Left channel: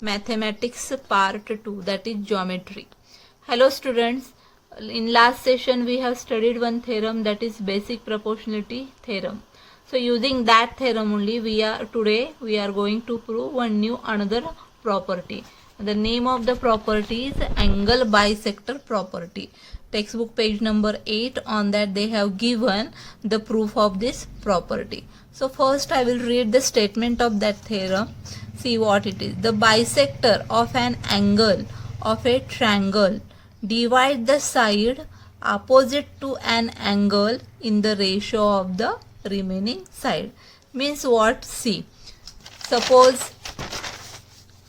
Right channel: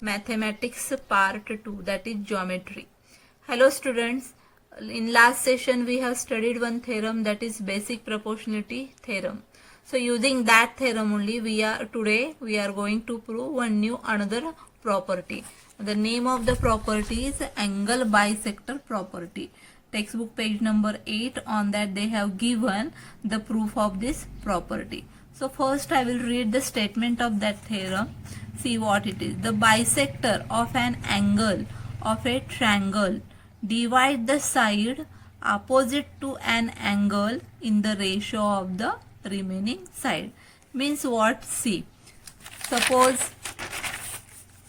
Mathematics Part 2, that is Geometry. Hello students, in last session we have studied one theorem, that is basic proportionality theorem. So using that theorem only today we are going to prove another property. The name of the property is angle bisector property. Textbook page number 8, on that they have given the proof of this property. So first I will read the statement of that theorem. See what it is. The bisector of an angle of a triangle divide the side opposite to an angle in the ratio of the remaining side. Means what? See, suppose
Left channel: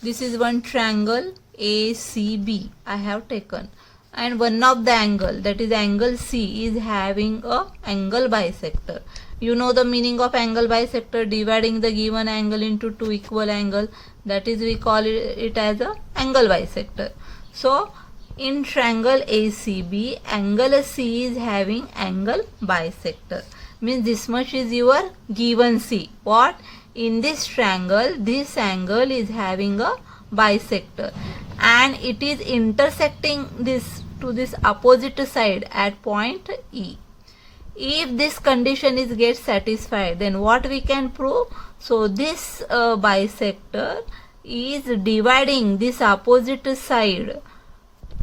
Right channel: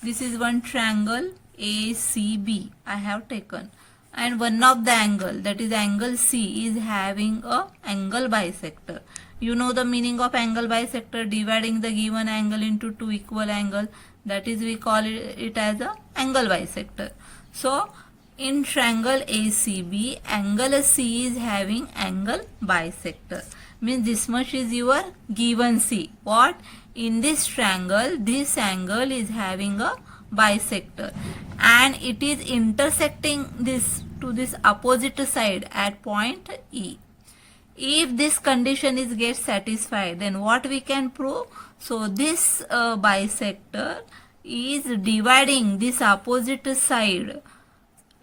this is one triangle ACB I have taken, and one of the angle, that is angle C, is having a angle bisector. You know the meaning of angle bisector, dividing the given angle into two equal angle, that is we call it as a angle bisector. So in triangle ACB, angle C is having angle bisector. Means this much is your given C. What? In this triangle, this angle is having a bisector and it is intersecting this to this opposite side at point E. If this condition is get satisfied, then what we can prove? So this bisector is dividing this opposite side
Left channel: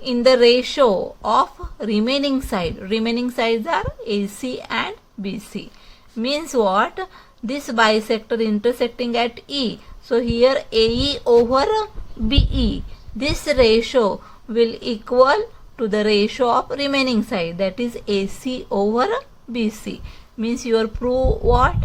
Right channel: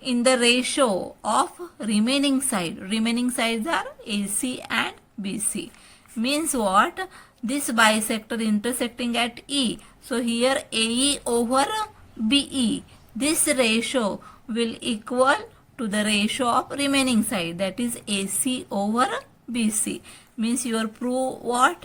in the ratio of remaining side. Remaining sides are AC and BC. Means what? This bisector intersecting at E. So here AE over BE. This ratio will equal to the ratio of remaining side, that is AC over BC. Means your prove what?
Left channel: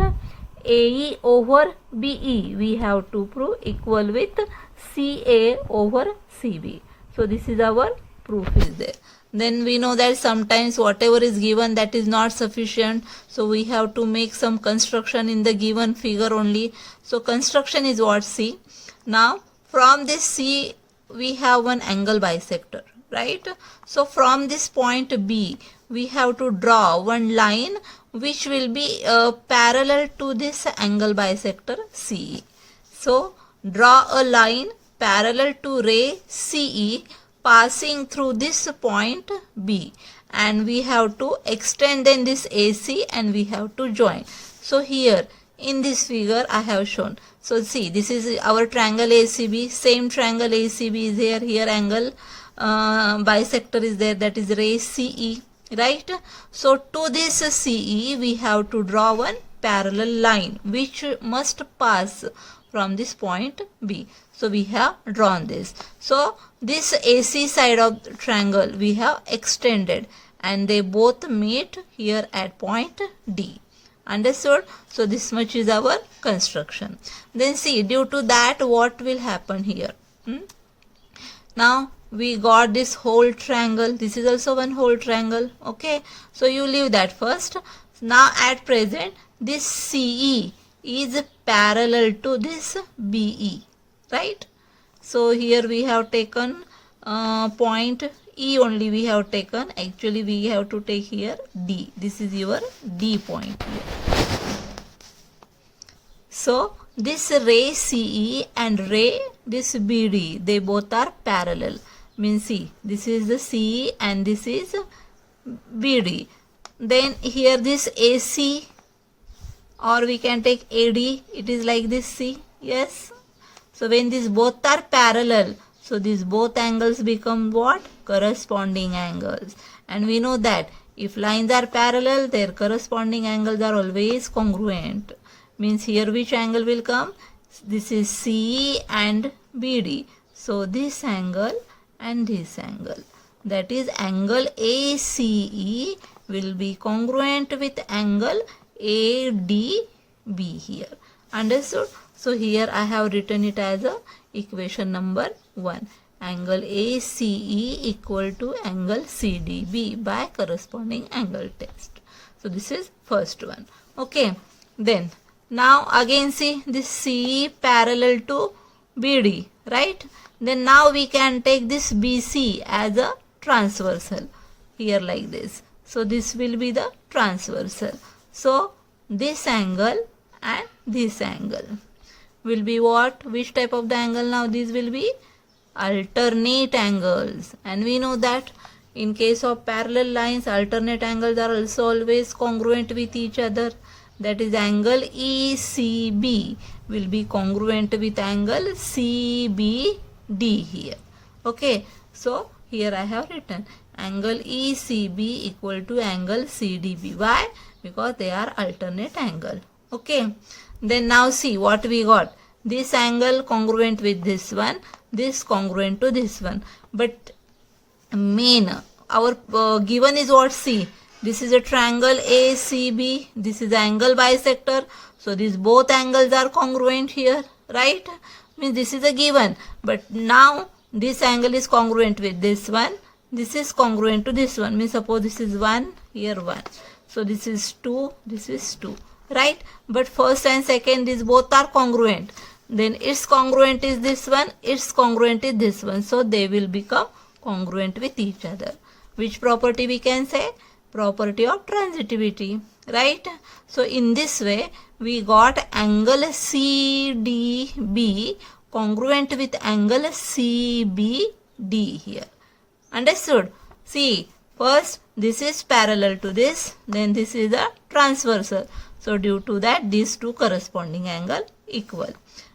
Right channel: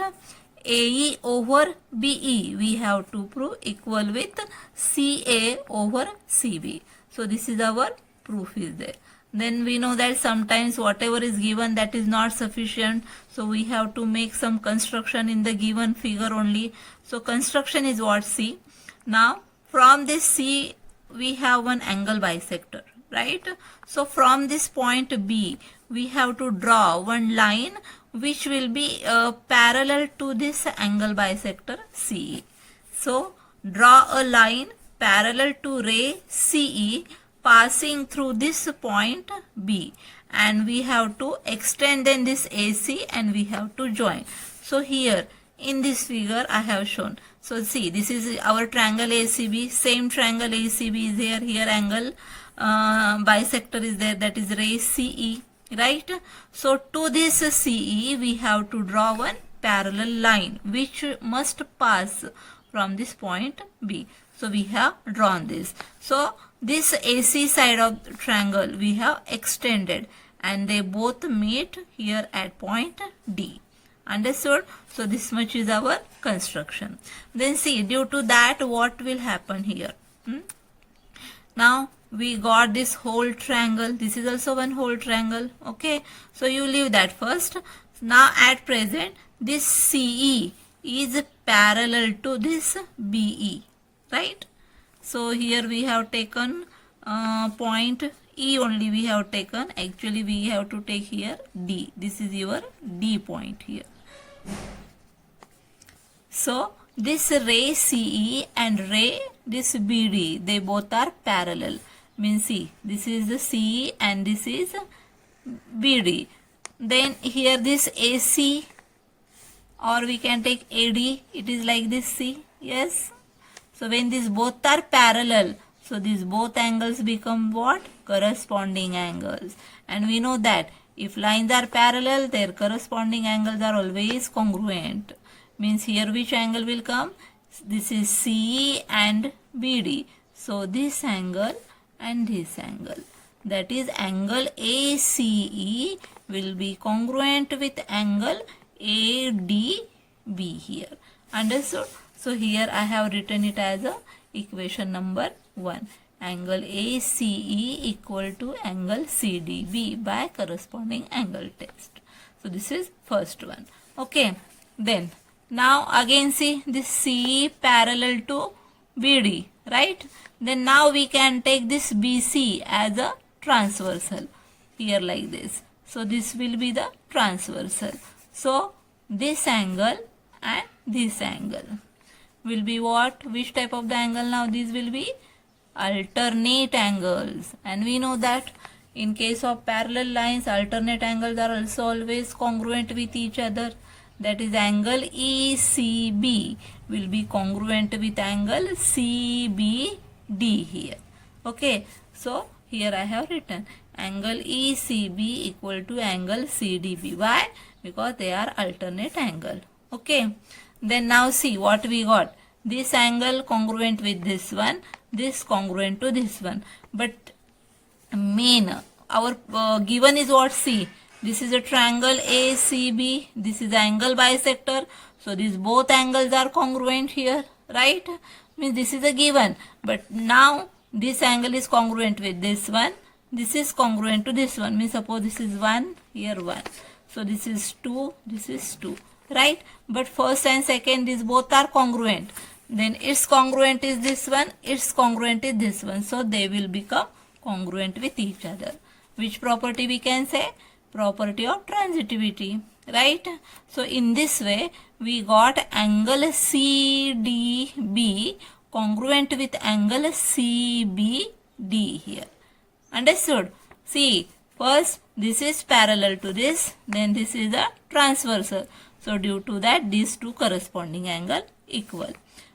AE over BE we have to prove equal with CA over CB. So this is our proof is there. Then we know that sometimes whatever is given, that is not sufficient, so we have to make some construction in the given figure only. So construction is what? C. Now from this C we have one angle bisector, right? So from this point B we have to draw one line which will be parallel to this angle bisector CE. So draw a line parallel to ray CE passing through this point B, and we have to extend then this AC and we have to join. So here in this figure I have shown. So see, this is our triangle ACB. Same triangle ACB is here. Here angle bisector is there, that is ray CE, right? So to this CE we have to draw one parallel line which must pass from this point B. So we have drawn this. So this AC side of the triangle we have extended and they both meet here at point D. Understood? So this much is our construction. Then see, due to that what will happen here? Now we got this whole triangle. This is also one whole triangle. Okay, so you leave that first. Now at present this CE is parallel to this BE, right? So here we have taken point E only we have taken. Actually we have to take here D. This is your D point here. So this ray CE and ray this BD, they both are parallel. Means see, this is the CE and this is BD. Then here this AC, or we can take AD, it is like this, see, yes. So when these both are parallel, so these both angles become what? Corresponding angles. And we know that if lines are parallel, their corresponding angles are always congruent. Means here which angle will come? This is CE and BD. So this angle and this angle, that is angle ACE, will be congruent with angle ADB here. Understood? So here I have written it as a equation number 1. Angle ACE equal to angle CDB by corresponding angle test. So this is first one. Okay. Then now again see this CE parallel to BD, right? Then now we can take this BC as a transversal here like this. So this will be the transversal. So this angle and this angle. will be what? Which type of the angle now? These will be alternate angles. And we know that in case of parallel lines, alternate angles are also always congruent with each other. That is, angle ECB will be congruent with angle CBD here. Okay, so here I have written angle ECB equal to angle CDB. Why? Because they are alternate angle. Okay, then now see what we got. This angle congruent with this one, this congruent to this one. But main, our given is what? C. This is a triangle ACB. This is the angle bisector. So these both angles are congruent here, right? Means this is a given. But now this angle is congruent with this one. This is congruent to this one. Means suppose this is 1, here 1. So this is 2, this is 2, right? But first and second, these both are congruent. Then its congruent is this one, its congruent is this one. So they will become congruent with each other. Which property we can say? Property of transitivity, right? So in this way, we got angle CDB congruent with angle CBD here. Understood? See, first this is parallel to this, then this is the transversal. So due to that, these two corresponding angle equal.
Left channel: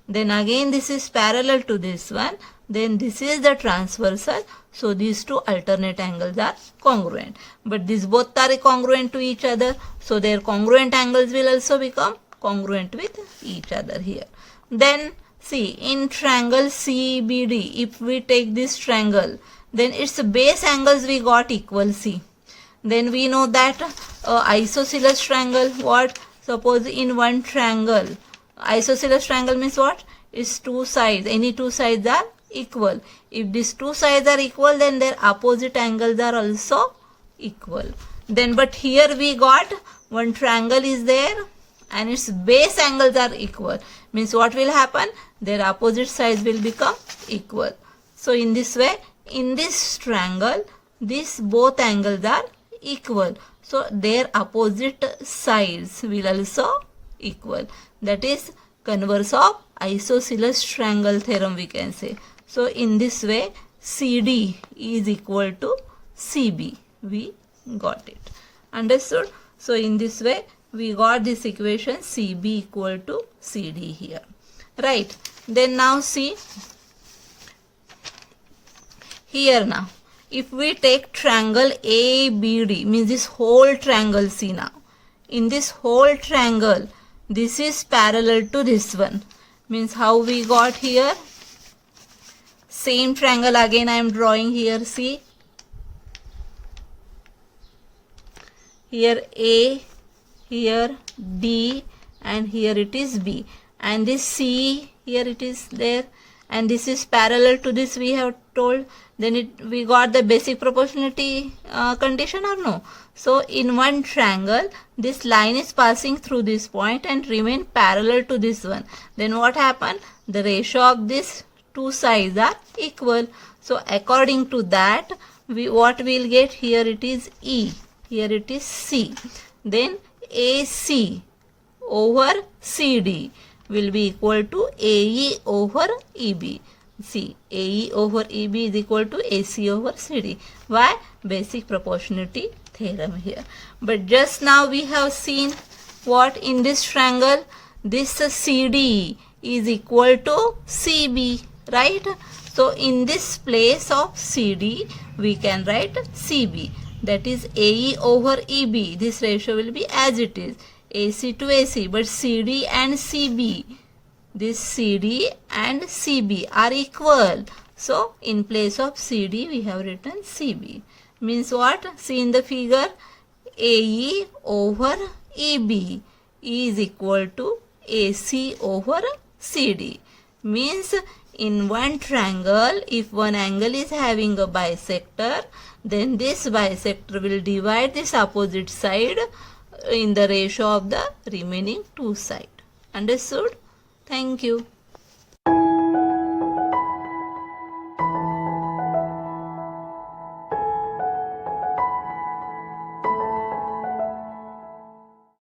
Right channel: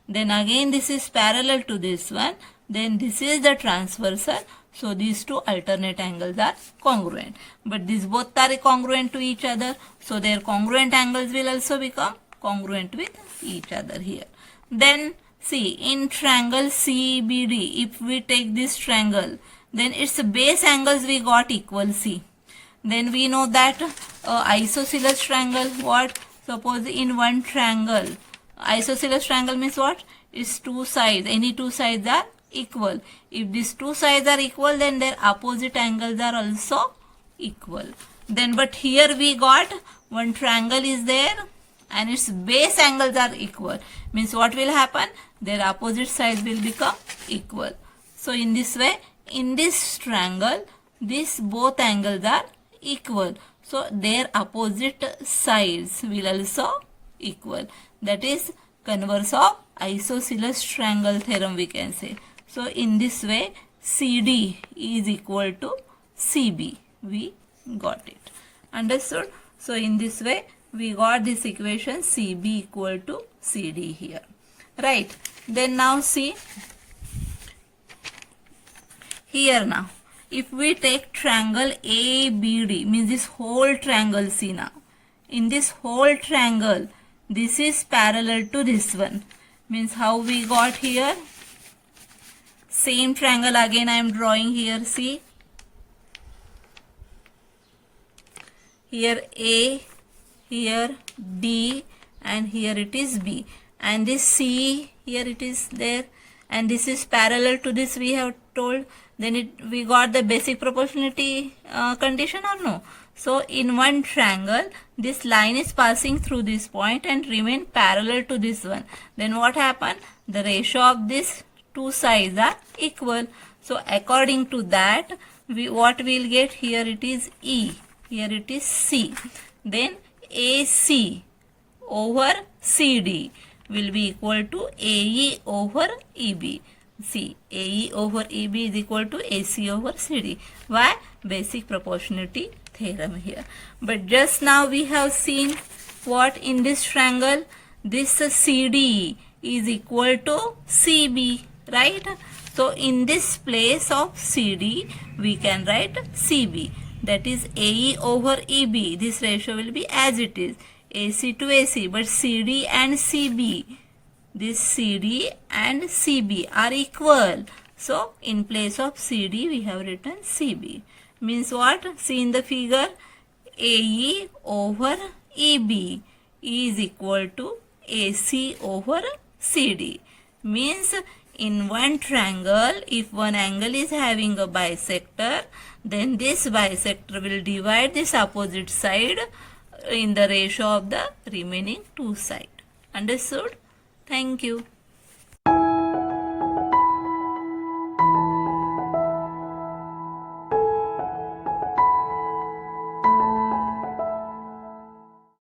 Then again this is parallel to this one, then this is the transversal. So these two alternate angles are congruent. But these both are congruent to each other. So their congruent angles will also become congruent with each other here. Then see, in triangle CBD, if we take this triangle, then its base angles we got equal. See, then we know that isosceles triangle, what? Suppose in one triangle, isosceles triangle means what? Its two sides, any two sides are equal. If these two sides are equal, then their opposite angles are also equal. Then but here we got one triangle is there and its base angles are equal. Means what will happen? Their opposite sides will become equal. So in this way, in this triangle, these both angles are equal. So their opposite sides will also equal. That is converse of isosceles triangle theorem, we can say. So in this way, CD is equal to CB. We got it. Understood? So in this way, we got this equation CB equal to CD here. Right. Then now see, here now, if we take triangle ABD, means this whole triangle, see now, in this whole triangle, this is parallel to this one. Means how we got here? Same triangle again I am drawing here, see. Here A, here D, and here it is B. And this C, here it is there. And this is parallel to this, we have told. Then we got the basic proportionality condition or no? So in one triangle, this line is passing through this point and remain parallel to this one. Then what happened? The ratio of these two sides are equal. So according to that, what we'll get here, it is E, here it is C. Then AC over CD will be equal to AE over EB. See, AE over EB is equal to AC over CD. Why? Basic proportionality theorem here. But just now we have seen what in this triangle, this CD is equal to CB, right? So in this place of CD, we can write CB. That is AE over EB. This ratio will be as it is, AC to AC. But CD and CB, this CD and CB are equal. So in place of CD, we have written CB. Means what? See in the figure, AE over EB is equal to AC over CD. Means in one triangle, if one angle is having a bisector, then this bisector will divide this opposite side in the ratio of the remaining two sides. Understood? Thank you.